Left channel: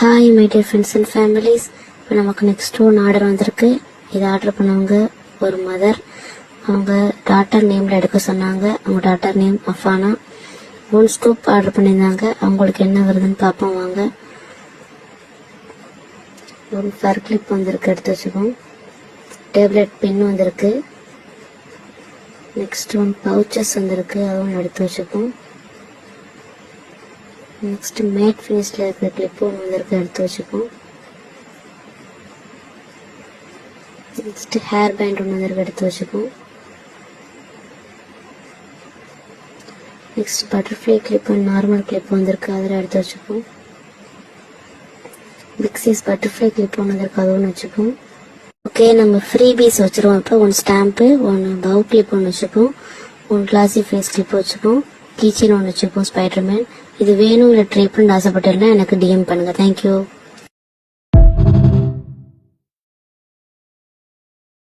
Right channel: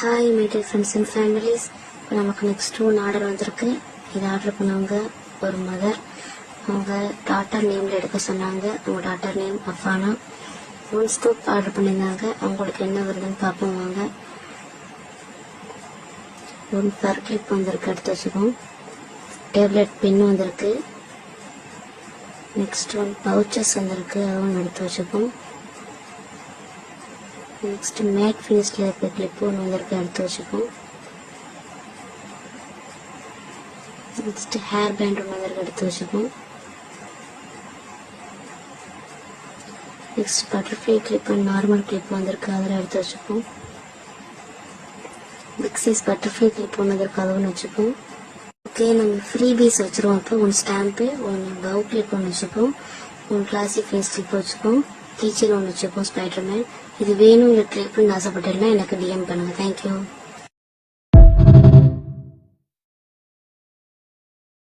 Hi my dear friends and families. இப்போ நமக்கு next one order வந்திருக்கு. இது ஆர்டர் பண்ணவங்க ஒரு மதர். அவங்க டாட்டர் நேமில் எடுக்க சொன்னாங்க. அவங்க டாட்டர் நேம் அஃபானா. 1 ஸ்கூப் ஆர்டர் பண்ணியிருந்தாங்க. அவங்களுக்கு என்ன வருதுன்னு பார்ப்போம் வாங்க. ஒரு ஃபர் கிளிப் வந்திருக்கு, எடுத்து வச்சுக்கோம். டேப்லெட் பென் வந்திருக்கு. நெக்ஸ்ட் ஒன் பவுச்சஸ் வந்திருக்கு, அதுவும் எடுத்து வச்சுப்போம். நெக்ஸ்ட் மேட் ஃபேஸில் இருக்கிற கிளிப் ஒன்று வந்திருக்கு, எடுத்து வச்சுப்போம். நெக்ஸ்ட் ஹேர் பேண்ட் ஒன்று வந்திருக்கு, எடுத்து வச்சுப்போம். Next butterfly clip normal clip வந்திருக்கு, அதில் எடுத்து வச்சுப்போம். பிக் சைஸ் பட்டர்ஃப்ளை கிளிப் ஒன்று வந்திருக்கு, அதுவும் வச்சுப்போம். ஓகே, நம்ம ஃப்ரீ பீஸ் வச்சுருவோம். இப்போ 1 ஸ்டாம்ப்பு, 1 பவு கிளிப் ஒன்று வச்சுப்போம். 1 கிளாசி ஃபேஸ் கிளிப் வச்சுப்போம். கீச்சன் ஒன்று வச்சுப்போம், ஸ்பைடர்மேன். இது வேணும் இல்லை ட்ரை பண்ணி ஆசைப்பட்டேன்னா எனக்கு டிஎம் பண்ணுங்கள். தேங்க்யூ.